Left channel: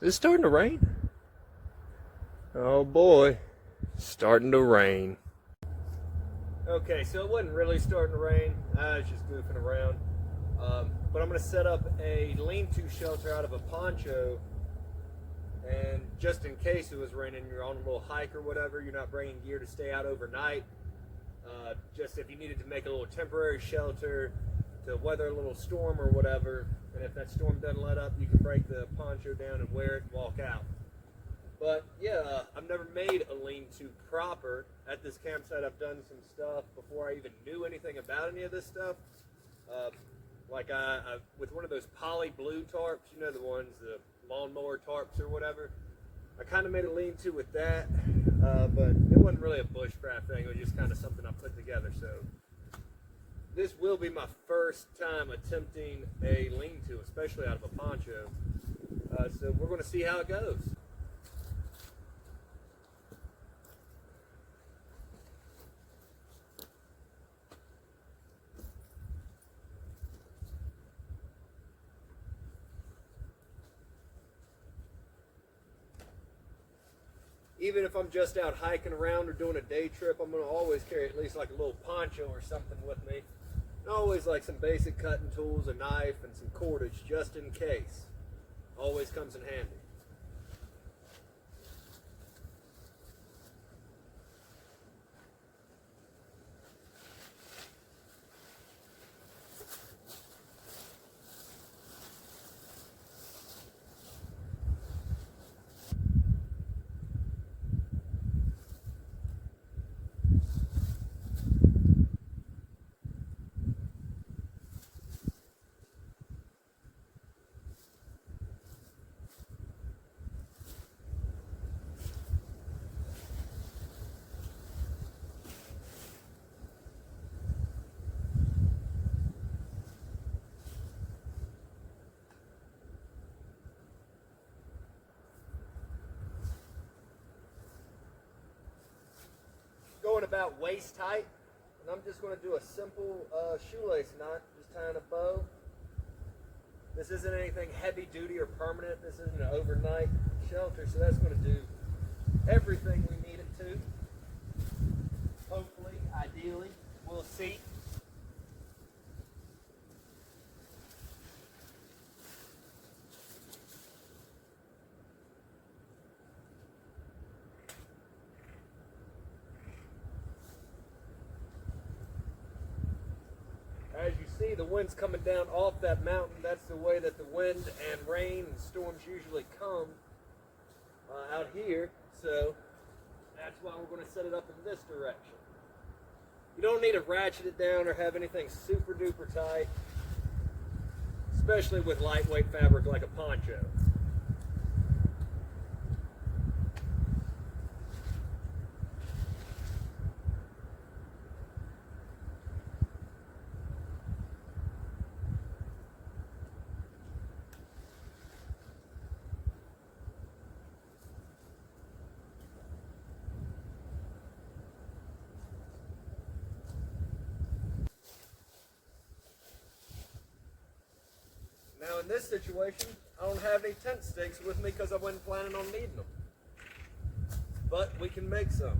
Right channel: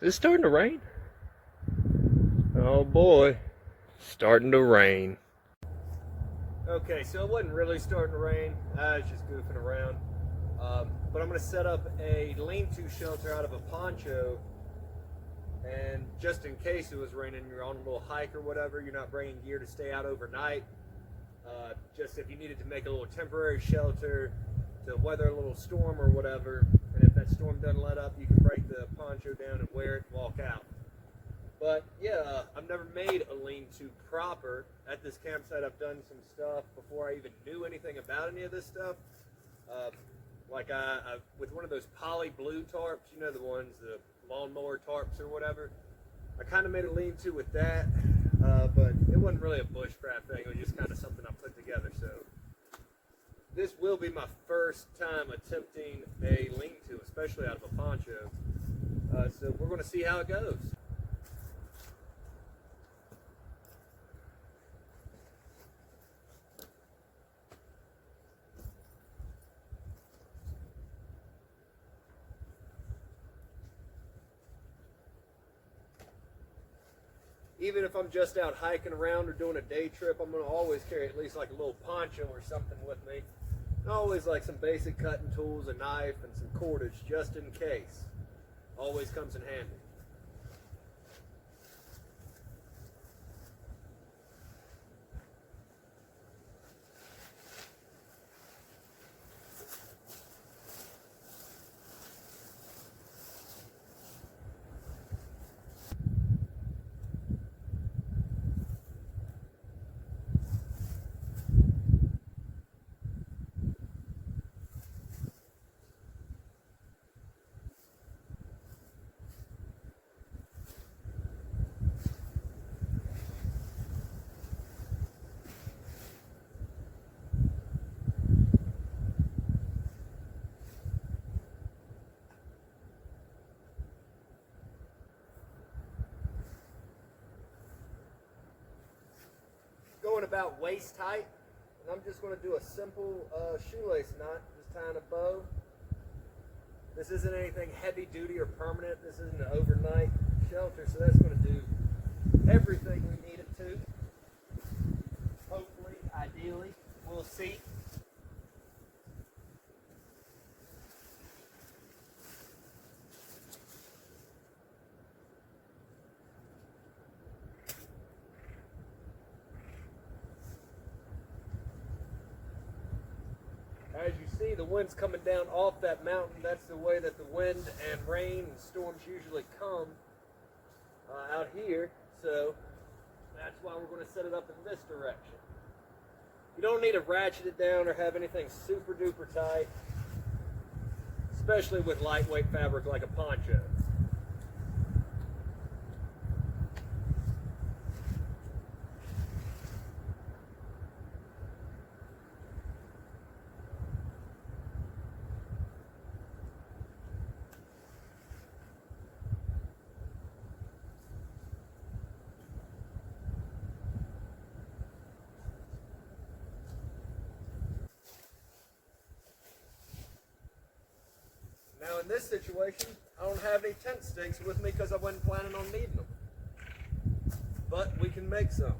Is it starting to rain? Oh boy, starting to rain. Okay, so it wasn't really starting to rain. I was just goofing around. But I'm going to set up a lean-to shelter out of a poncho. And just in case it was raining, you're on a little hike or whatever, you're not bringing gear to stay out overnight. Just if you needed to make a little temporary shelter to weather a little storm or whatever, and if that storm doesn't let up, you can break the poncho down and wear it and walk out. But yeah, I've never made a lean-to proper. At this campsite, I've done some stuff before I even knew anything about any of this stuff. Like with one of those poly blue tarps, you know, the ones, the lawnmower tarps or whatever. I kind of made a lean-to with that, but it wasn't really a bushcraft thing. It was just kind of something I put together. So this will be my first time attempting a lean-to, especially out of a poncho. So we're going to see how it goes. Even if I'm just out hiking around or doing a day trip, I'm going to always carry at least like a little poncho or something with me. And always like some basic cutting tools, a knife, and some cordage just in case. Always comes in handy. Going about waist height, and I'm just going to do a simple shoelace knot, just tying a bow. This isn't anything heavy duty or permanent. This isn't an overnight shelter, so that's going to do everything we need it to. Hopefully, ideally, we'll see. As you see, the wind's coming down off that mountain. That's the way that the wind and rain and storms usually come out here. So that's why we're going to set it up in this direction. You don't need to ratchet it down or have anything super duper tight, especially with lightweight fabric like a poncho. Now in this situation, I don't have any tent stakes with me because I wasn't planning on needing them. But we can make some.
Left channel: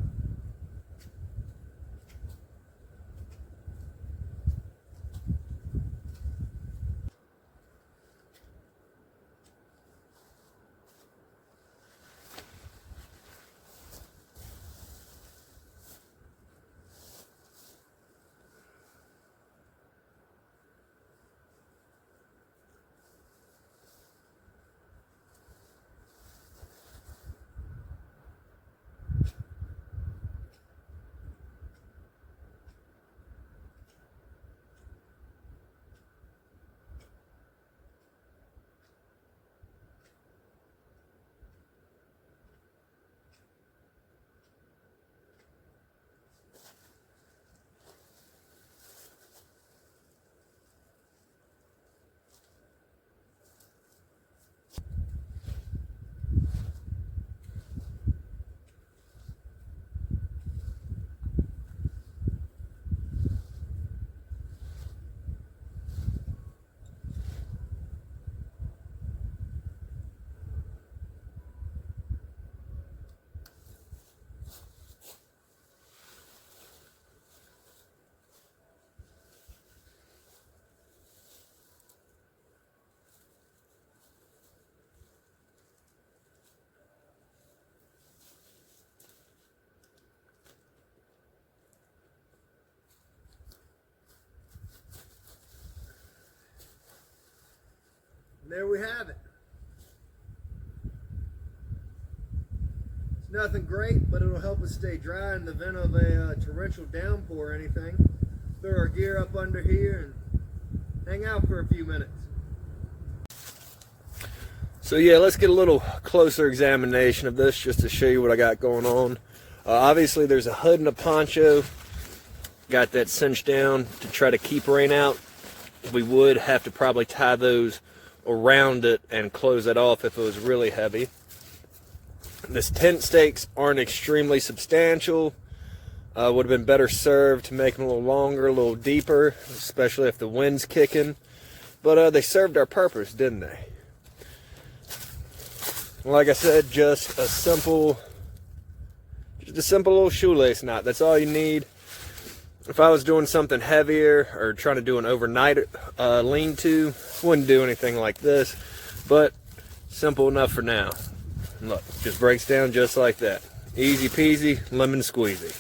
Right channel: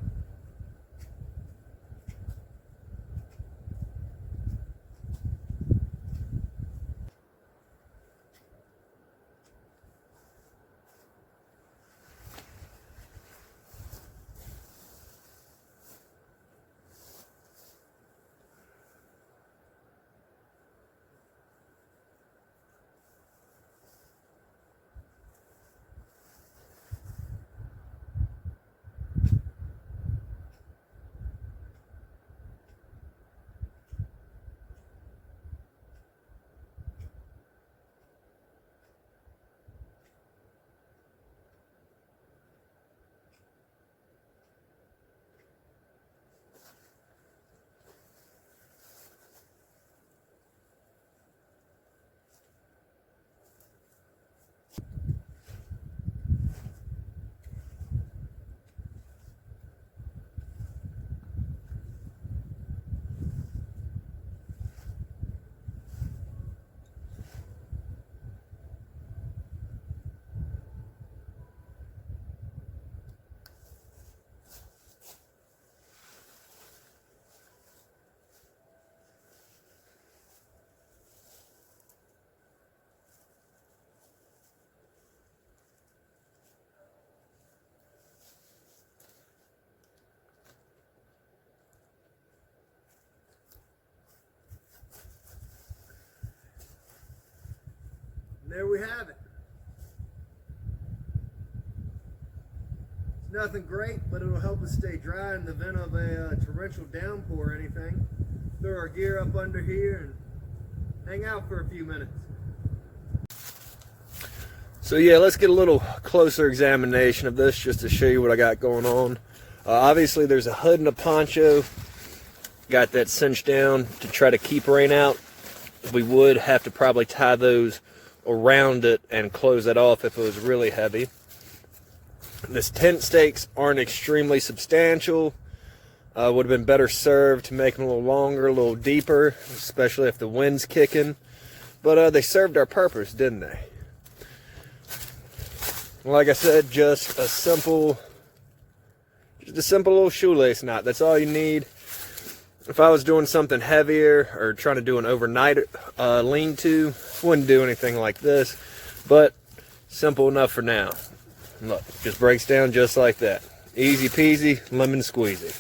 And there we have it. It's nothing great, but it'll help us stay dry in the event of a torrential downpour or anything. Throw our gear up under here and hang out for a few minutes. So yeah, let's get a little closer examination of this just to show you what I got going on. Obviously there's a hood and a poncho. Got that cinched down to try to keep rain out. We would have to probably tie those around it and close that off if it was really heavy. This tent stakes aren't extremely substantial. Would have been better served to make them a little longer, a little deeper, especially if the wind's kicking. But they served our purpose, didn't they? Like I said, just a simple little shoelace knot. That's all you need. If I was doing something heavier or trying to do an overnight lean-to, wouldn't do anything like this. But simple enough for now. Look, just breaks down just like that. Easy peasy, lemon squeezy.